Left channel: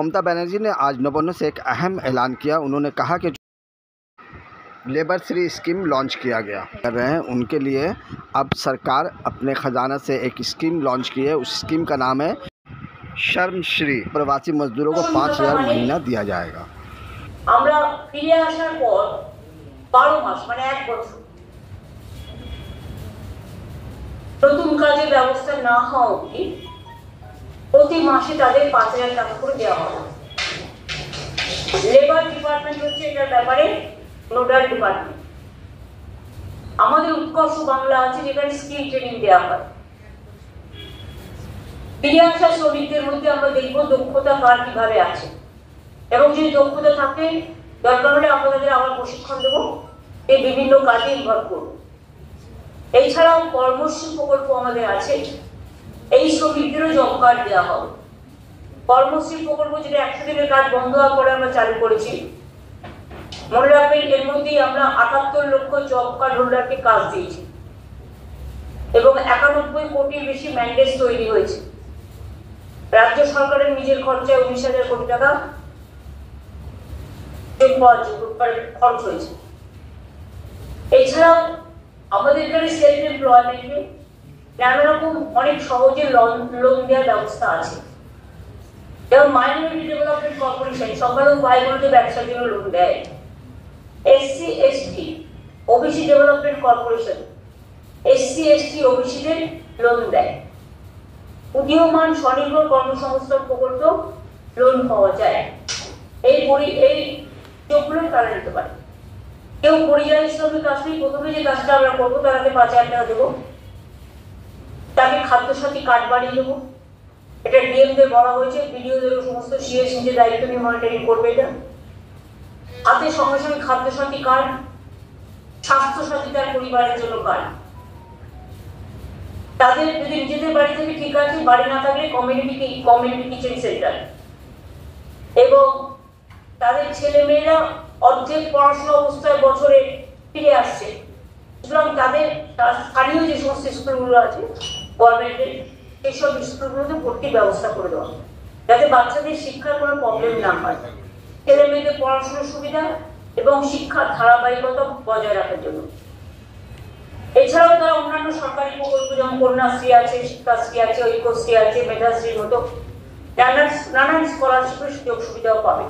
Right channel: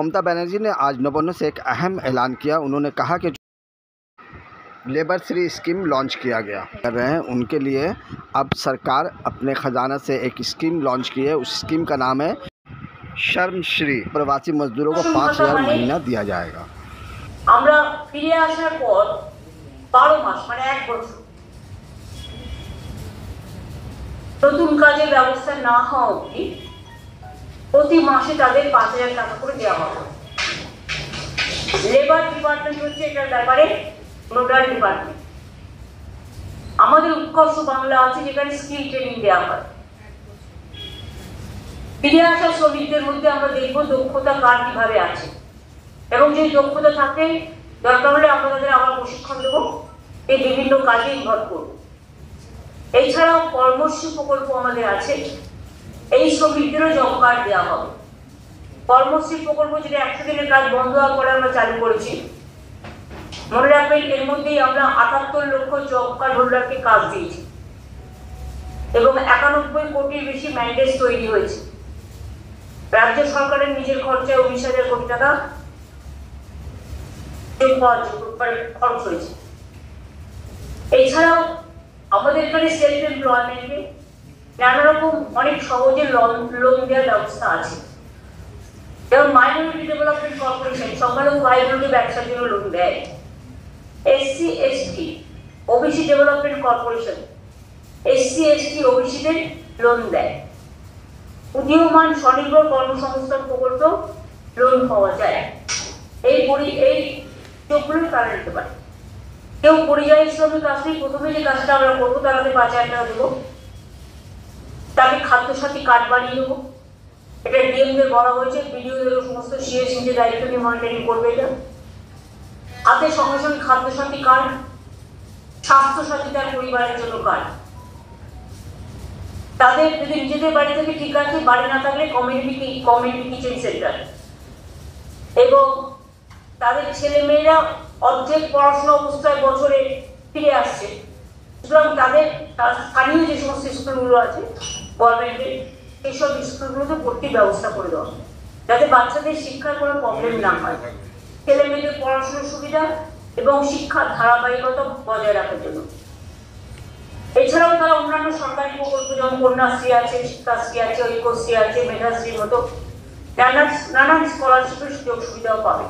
ममता बनर्जी ने आज नवोन्नत से एक अहम ऐलान किया। उन्होंने कहा कि लेबर श्री स्कीम लॉन्च किया गया कर रहे हैं, उनके लिए अब सरकार अपने ख़जाना से एक स्कीम लॉन्च की है। उस स्कीम का नाम है श्रमश्री। प्रवासी मजदूरों को 5,000 महीना दिया जाएगा। আমরা ফিরে আসার পর 12 মাস মানে 1 বছর নতুন কাজের ব্যবস্থা না হওয়া অবধি প্রতি মাসে তাদের 5,000 টাকা করে দেওয়া হবে। লেবার ডিপার্টমেন্ট হচ্ছে এটার ব্যাপারে নোডাল ডিপার্টমেন্ট। আমাদের উৎকর্ষ বাংলা আছে যেখানে স্কিল ট্রেনিং দেওয়া হয়। ফিরে আসা শ্রমিকদের মধ্যে আমরা দেখব দক্ষতা কার কিভাবে আছে এবং যে দক্ষতা থাকে দরকার হলে আমরা তাদের আবার প্রশিক্ষণ দেবো, এই বিভিন্ন কাজে ইনভলভ করবো। এছাড়াও কর্মশ্রী প্রকল্প আমাদের আছে, এই শ্রমিকদেরও জব কার্ড দেওয়া হবে। কর্মশ্রী প্রকল্প যেটা 100 দিনের কাজ বন্ধ হওয়ার পরে আমরা চালু করেছি, মনে রাখবেন এর মধ্যেই আমরা 78 লক্ষ জব কার্ড হোল্ডারকে কাজ দিয়েছি এবং 91 কোটির বেশি ম্যান্ডেট তৈরি হয়েছে। রাজ্য সরকারের নিজের খরচায় 19,000 কোটি টাকা খরচ হয়েছে। এছাড়াও আমাদের এখানে সেলফ এমপ্লয়মেন্টে নানা রকম অনেক সহজে লোন দেওয়ার ব্যবস্থা আছে। যেমন মাইনরিটি ডেভেলপমেন্ট কর্পোরেশন সংখ্যালঘু ভাই বোনকে ব্যবসার জন্য লোন দেয়। SC ST OBC development corporation SC ST ওবিসিদের লোন দেয়। উদীয়মান স্বনির্ভর কর্মসংস্থান প্রকল্প লোন পাওয়া যায়। এই যোগগুলো তারা নিতে পারে। কেউ পরিযায়ী শ্রমিক আসলে প্রথমে যে কাজটা আমরা করবো তারাতে 5,000 টাকা দেবো, তাকে খাদ্যসাথী কার্ড বানিয়ে দেবো। এটা ডিএমদের বলা হয়েছে, বিডিওদের সমস্ত সিএস নিজে দায়িত্ব নিয়ে মনিটরিং করবে। এটা হাতে সঙ্গে সঙ্গে খাদ্যসাথী কার্ড, স্বাস্থ্যসাথী তার পরিবারের জন্য কার্ড। তাদের যদি নিজেদের বাড়ি থেকে ঠিক আছে, বাড়ি না থাকলে কমিউনিটি কিচেন সেন্টার এবং তাদের ছেলে মেয়েরা অর্ধেক পড়াশোনা অবস্থায় বছরে ফিরে আসছে, সুতরাং তাদের স্থানীয় যে সমস্ত স্কুলগুলো আছে গভর্নমেন্টের সেইসব স্কুলগুলোতে ভর্তির ব্যবস্থা করে দেওয়া, যাতে বাচ্চাদের শিক্ষার কোনো প্রবলেম না হয়, ছেলে মেয়েদের পড়াশোনার সুবিধা এবং শিক্ষার ধারাবাহিকতা বজায় রাখার জন্য। এছাড়াও তারা অন্যান্য সরকারি প্রকল্প যেমন কন্যাশ্রী আছে, শিক্ষাশ্রী আছে, ঐক্যশ্রী আছে, মেধাশ্রীর মতো নানান স্কলারশিপের সুযোগ সুবিধাও পাবে।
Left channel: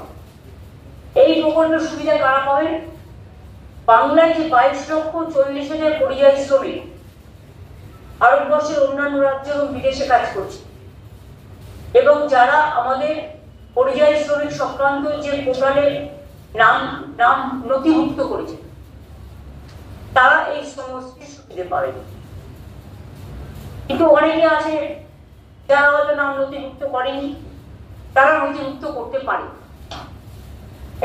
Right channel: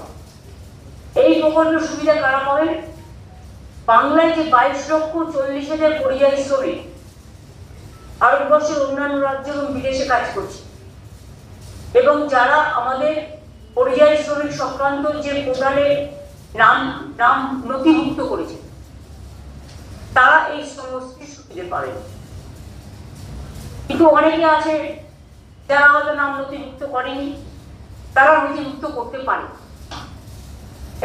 এই প্রকল্পের সুবিধা কারা পাবেন? বাংলায় যে 22,40,000 পরিযায়ী শ্রমিক ভারতবর্ষের অন্যান্য রাজ্য এবং বিদেশে কাজ করছে এবং যারা আমাদের পরিযায়ী শ্রমিক সংক্রান্ত যে পোর্টালে নাম নথিভুক্ত করেছে তারা এই সমস্ত সুবিধা পাবেন। কিন্তু অনেকে আছে যারা হয়তো নাম নথিভুক্ত করেনি, তারা নথিভুক্ত করতে পারে।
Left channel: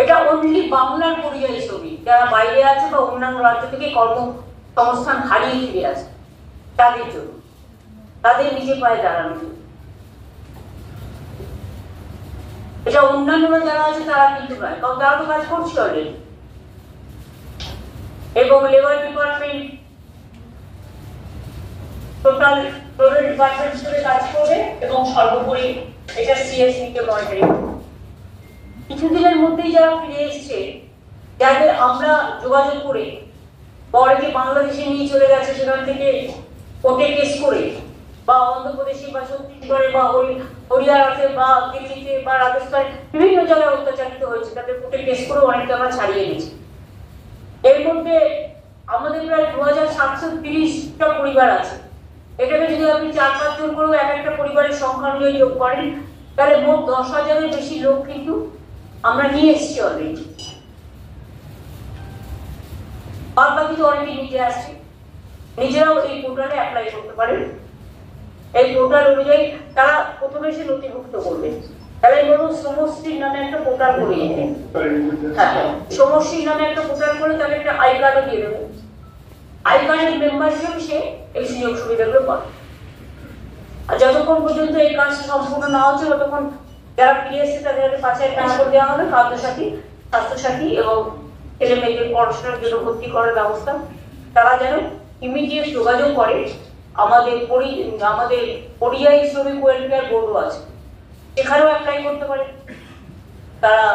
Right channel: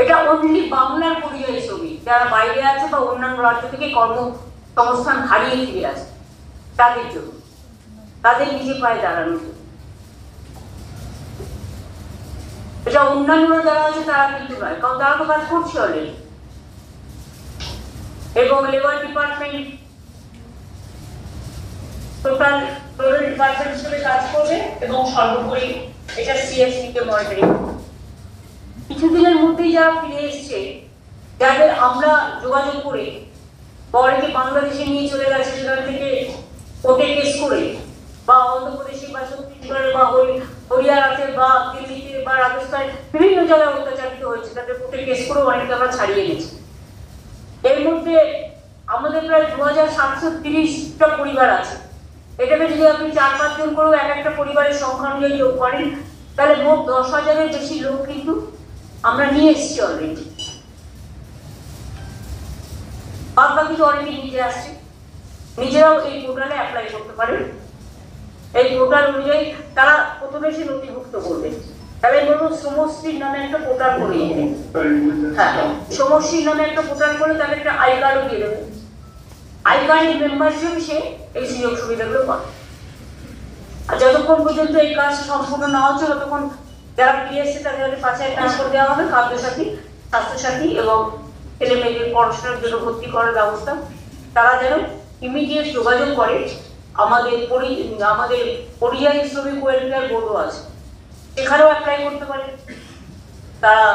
এটা অনলি বাংলার পরিযায়ী শ্রমিক যারা বাইরে আছে বা অন্যান্য রাজ্য থেকে কর্মসংস্থান হারিয়ে ফিরে আছে তাদের জন্য, তাদের নিজে পায়ে দাঁড়ানোর জন্য। এটা অন্যান্যরা যারা আছে তারা কিন্তু নয়, কারণ তারা তো কাজ করছে অলরেডি। এবং লেবার ডিপার্টমেন্ট টোটাল ডিপার্টমেন্ট হিসেবে কাজ করবে এবং সর্বোপরি এটা CSC কে মনিটরিং করবে। কিছুদিনের মধ্যেই যারা ফিরে এসছে, যাদের আমরা যোগাযোগ করে পরে বাংলাদেশে নিয়ে চলে গেছে, সেখান থেকে কোর্টে কেস করে বা অন্ধ্রপ্রদেশে বা ছত্তিশগড়ে বা হরিয়ানাতে বা দিল্লিতে বা রাজস্থানে বিভিন্ন জায়গায় অত্যাচারিত হয়েছে, তাদের কোর্টে কেস করে অনেকটা আমরা ছাড়িয়ে দিচ্ছি। এর মধ্যে আমাদের প্রায় 2,730টা পরিবার আছে। এটাকে যদি আপনি 4-5 জন করেও একটা পরিবারের সংখ্যা অনুযায়ী যোগ করেন, তাহলে মোট 10,000-এর বেশি লোক কিন্তু আমরা নিয়ে এসেছি অলরেডি। বাকি তো অনেকে নিতে আসছে, নিজেরাও এই পোর্টালে অ্যাপ্লাই করতে পারেন। এই পোর্টাল অনুযায়ী তারা প্রথমে এসে নথিভুক্ত করবে। তাহলে ধরুন সমষ্টির নামে একটা পোর্টাল করে দেবে, হ্যাঁ সমষ্টির নামে একটা পোর্টাল করে তাহলে একটা আই কার্ডও দিয়ে দেবে। আই কার্ডের মেম্বার হিসেবে সে এই সুযোগ সুবিধাগুলো পাবে। আর যতক্ষণ পর্যন্ত এই কাজ সম্পূর্ণ না হচ্ছে ততক্ষণ যারা ফিরে এসছে তাদের 5,000 টাকা করে দেওয়া হবে, খাদ্যসাথী, স্বাস্থ্যসাথী এবং ছেলে মেয়েদের পড়াশোনার জন্য ভর্তি করার ব্যবস্থা। তারা যেন ইমিডিয়েট যোগাযোগ করে। আমাদের পরিযায়ী শ্রমিক ওয়েলফেয়ার বোর্ডও আছে, এখানেও অ্যাপ্লাই করতে পারে। তারা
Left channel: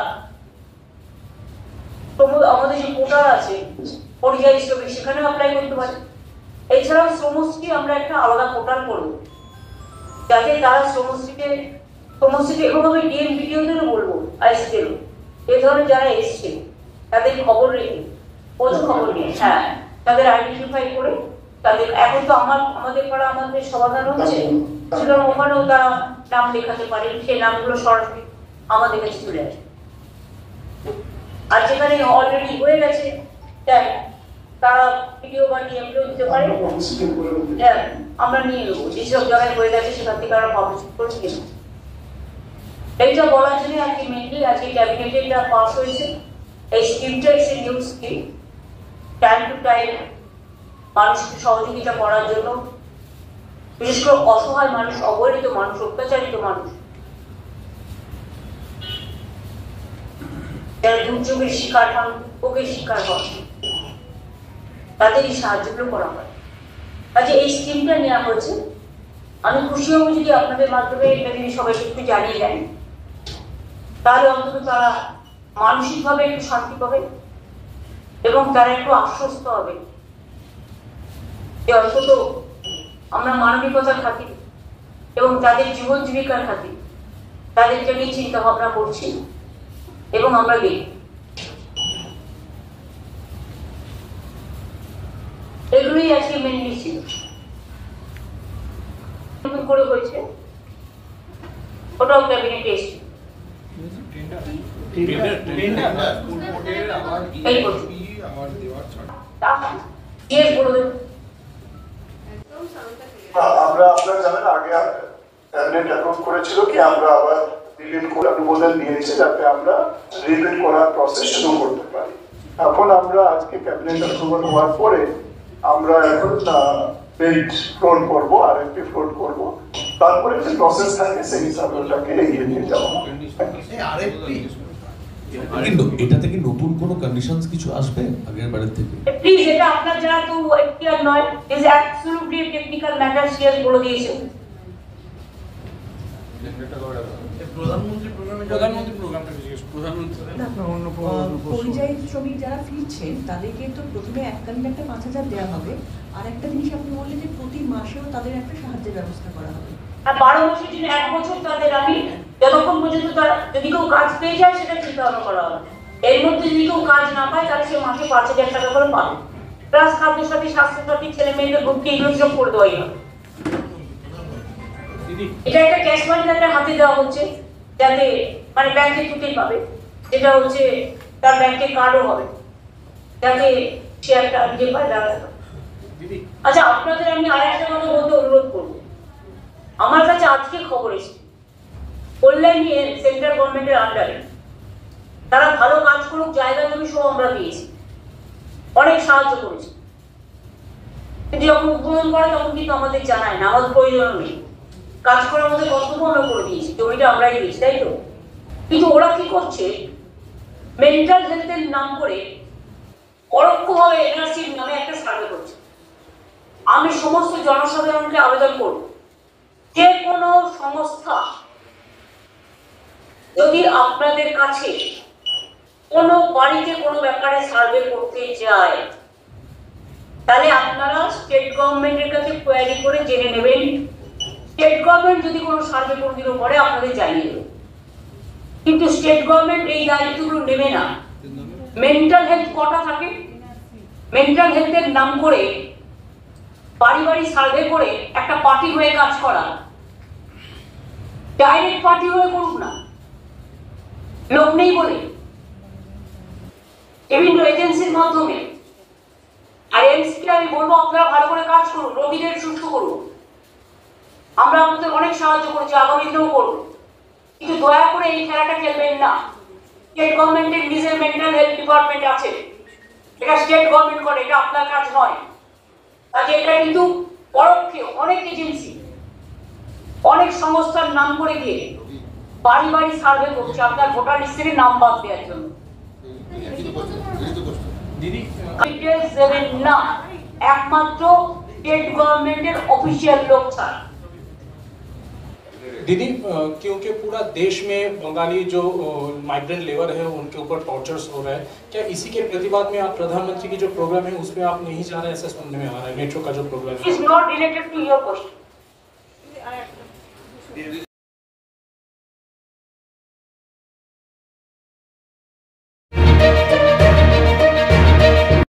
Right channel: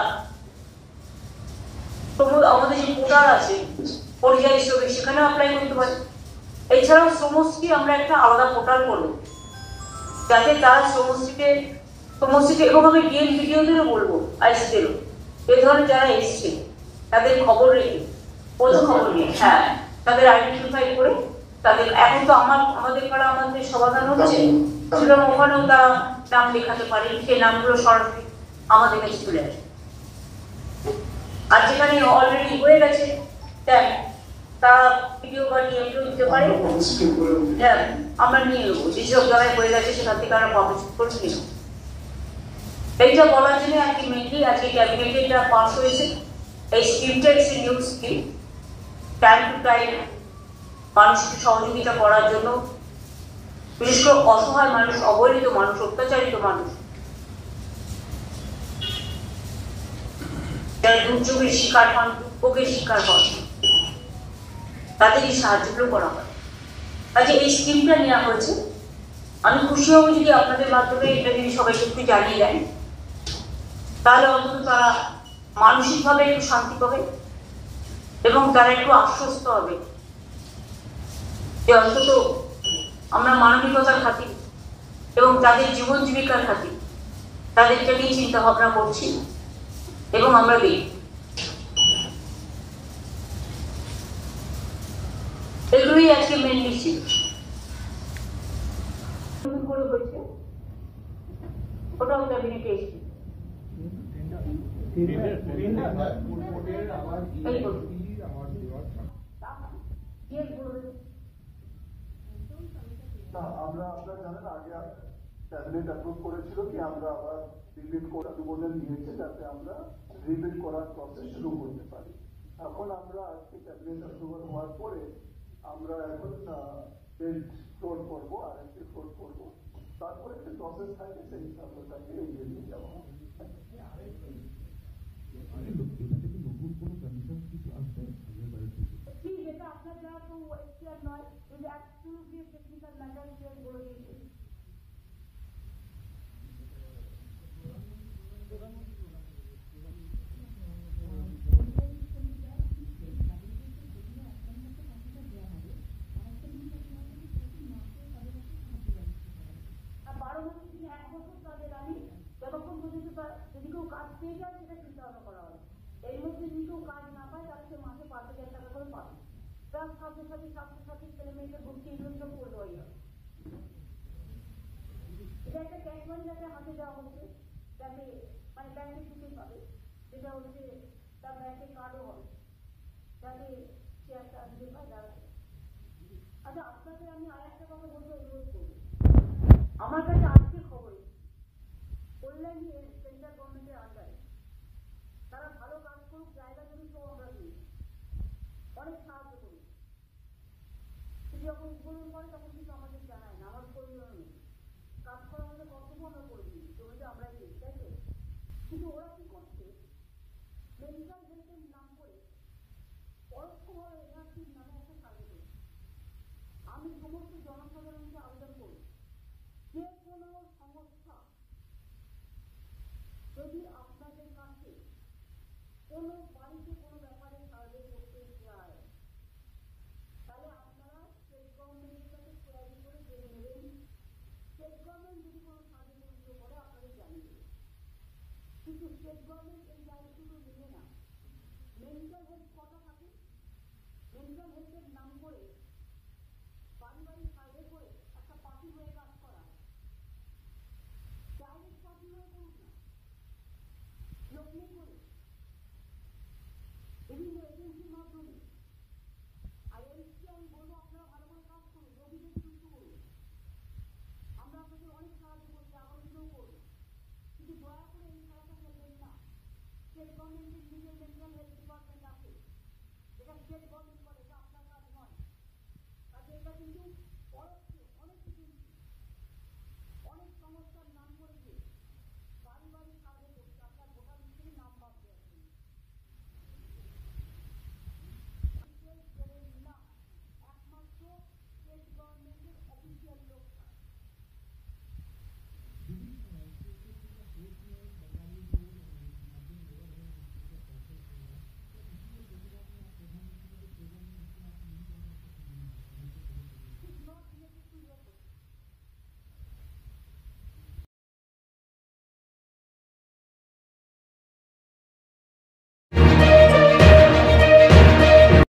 আমাদের যে পোর্টাল আছে পরিযায়ী শ্রমিক সেখানেও অ্যাপ্লাই করতে পারে। এছাড়াও শ্রমশ্রী আমরা একটা আলাদা পোর্টাল করব যাতে তারা শ্রমশ্রীতে এবং আমি ডিএম ভিডিওদেরও বলবো আইসিদেরও এ ধরনের যারা এসছে তাদের খবর রেখে খবর নিয়ে তাদের আইডেন্টিফাই করে তাদের এখন তো আমাদের পাড়া আমাদের সমাধান হচ্ছে সুতরাং ওখানেও তারা নাম লেখাতে পারে, সেই নামগুলো সরাসরি আমাদের কাছে চলে আসে। আর যেখানে অলরেডি হয়ে গেছে তারা ভিডিও বানিয়ে দিতে পারে, আমরা নিয়ে নেবো যেসব জায়গায় হয়ে গেছে সেখান থেকে আমরা পাবলিশ করছি কিনা। এইটা বলার জন্য আজকে মেনলি আজকে ক্যাবিনেটে এটা পাস হয়েছে। এই স্কিমটা এসে new scheme time to time মানুষকে সহযোগিতা করার জন্য, বিশেষ করে অসহায় মানুষ, অবহেলিত মানুষ, অত্যাচারিত মানুষ, যারা দুর্যোগের শিকার হন, দুর্ভোগের শিকার হন, তাদের এই সাহায্যগুলো করা হয়। কাজে এই স্কিমটা নেওয়া হয়েছে। আমি খুশি হব যদি আপনাদের মাধ্যমে এটা যদি সবাইকে একটু জানিয়ে দেন, তাহলে অন্তত তারা মানসিকভাবে একটু শান্তি পাবে এবং তারা একটু আশ্বস্ত হবে যে অন্তত আমরা মানবিকতার খাতির এবং তাদের জীবন জীবিকার খাতির তাদেরকে নিয়ে চিন্তা ভাবনা করছি এবং আমরা দেখি এগুলোই আজকে মেনলি ছিল করে হয়েছে। ওটাও ক্যাবিনেটে এসেছে। আমরা আপনারা জানেন আগে ক্যাবিনেট অ্যাপ্রুভ করেছিল কি আমরা আবার রিভিউ করে অনুমোদন দিয়েছি যাতে আমরা রিভিউ করার প্রসেস শুরু করতে পারি। এখন আমরা আজকে ক্যাবিনেট অ্যাপ্রুভাল হওয়ার পরে আমরা এখন বিড ফ্লোট করবো, আরএফপি ফ্লোট করবো, তারপরে যে প্রসেস থাকে সেই হিসাবে ওটাকে এগিয়ে নিয়ে যাওয়া। কিন্তু এটাতে কি নতুন কোনো কন্ডিশনস কিছু আসবে আগের বারের থেকে? প্লিজ এটা আপনার যারা তো এখতিয়ার নয়, is absolutely technical matter share করে দিয়েছেন। পরিযায়ী শ্রমিক যারা ফিরছেন তাদেরকে তো প্রথমে এককালীন একটা 5,000 দেওয়া হবে, আর একটা জিনিস আপনি বললেন যে প্রতি মাসেও তাদের একটা সাহায্যের ব্যবস্থা করা হবে। আর 12 মাসের জন্য 1 বছর তাদের আমি যতক্ষণ পর্যন্ত তারা যদি কেউ কাজ পেয়ে যায় সেটা চিন্তা ভাবনা করা হবে। এর মধ্যে যদি কেউ কাজ না পায় তাহলে সে মাসে 5,000 টাকা করে পাবে, প্লাস খাদ্য সাথী, স্বাস্থ্য সাথী, ছেলে মেয়েদের ভর্তি, এগুলো সব করে দেওয়াই হবে। এটা একটা ক্যাশ ফান্ড তাদের হাতে দেওয়া হচ্ছে যাতে মানে ব্যাংকে ছুটি পাবে, যেটা হচ্ছে তার ব্যাংকে কার্ডও হবে যাতে সে একটা নিজের পায়ে দাঁড়াতে পারে। আচ্ছা, আপনাদের আমি আর একটা কথা বলতে অনুরোধ করবো। আমার কাছে আজকে খবর এসেছে কল্যাণী সেন্ট্রাল গভর্নমেন্টের আন্ডারে তারা ভালো কাজ করুক, জায়গা জমি সব আমরা দিয়েছি, অনেক সাহায্য করেছি, কিন্তু যখন উদ্বোধন করে তখন কিন্তু আমাদের জানায় না, আমাদের প্রয়োজন নেই। কাজ করার মধ্যে কর্তব্য আমরা করে দিয়েছি, জমিটা আমরাই দিয়েছি, তাই তো? কিন্তু ওরা কি করছে, মেন্টাল হেলথের নাম করে পরোক্ষভাবে এনআরসির নামে একটা সার্ভে করছে। আমি সমস্ত জনসাধারণকে আবেদন করব, যে কোনো সংস্থা যদি আপনাদের কাছে কোনো বাড়িতে কোনো ব্যাপারে সার্ভে করতে যায় তাহলে আপনারা স্টেট গভর্নমেন্টের কাছে কোয়ারি করে জেনে নেবেন। স্টেট গভর্নমেন্ট যদি কোনো সার্ভে কোনোদিনও করে আপনাদের জানিয়ে দেবে, কিন্তু স্টেট গভর্নমেন্ট এই দায়িত্বগুলো নেবে না। মেন্টাল হেলথ কটা থাকে, মেন্টাল হেলথের নাম করে বাড়ি বাড়ি সার্ভে করে একটা পার্টি হয়ে কাজ করা, ডাইরেক্ট পার্টি হয়ে করুক না, লোক নেই বলে বিভিন্ন এজেন্সির মাধ্যমে। আর এমসিকে আমি বলবো আপনারা ভালো করে কাজ করুন, রোগীদের সুস্থ করুন। আমরা আপনাদের অনেক সাহায্য করেছি, আগামীতেও করব, কিন্তু দয়া করে এই খেলাটা খেলবেন না। স্টেট গভর্নমেন্টের নিজের মেন্টাল হেলথ ডিপার্টমেন্ট আছে, এটা স্টেট গভর্নমেন্ট করে, এটা আপনার কাজ নয়। কাজে এটা কিন্তু পরোক্ষে অনেক এজেন্সি, অনেক সংস্থার নাম করে দিয়ে বাড়ি বাড়ি সার্ভে করছে আপনার ভোটার লিস্ট থেকে নাম বাদ দেওয়ার জন্য। না, একমাত্র স্টেট গভর্নমেন্টের অফিসিয়াল লোক ছাড়া। दीदी क्योंकि पूरा देश में बंगाली जो माइग्रेंट लेबर है उनके ऊपर टॉर्चर्स हो रहा है, क्या इसी के प्रतिवाद में आप प्रधानमंत्री की जो प्रोग्राम है उसमें आप नहीं जा रहे, ऐसा सुनने में आ रहा है? मेट्रो का जो प्रोग्राम है is not related to your question.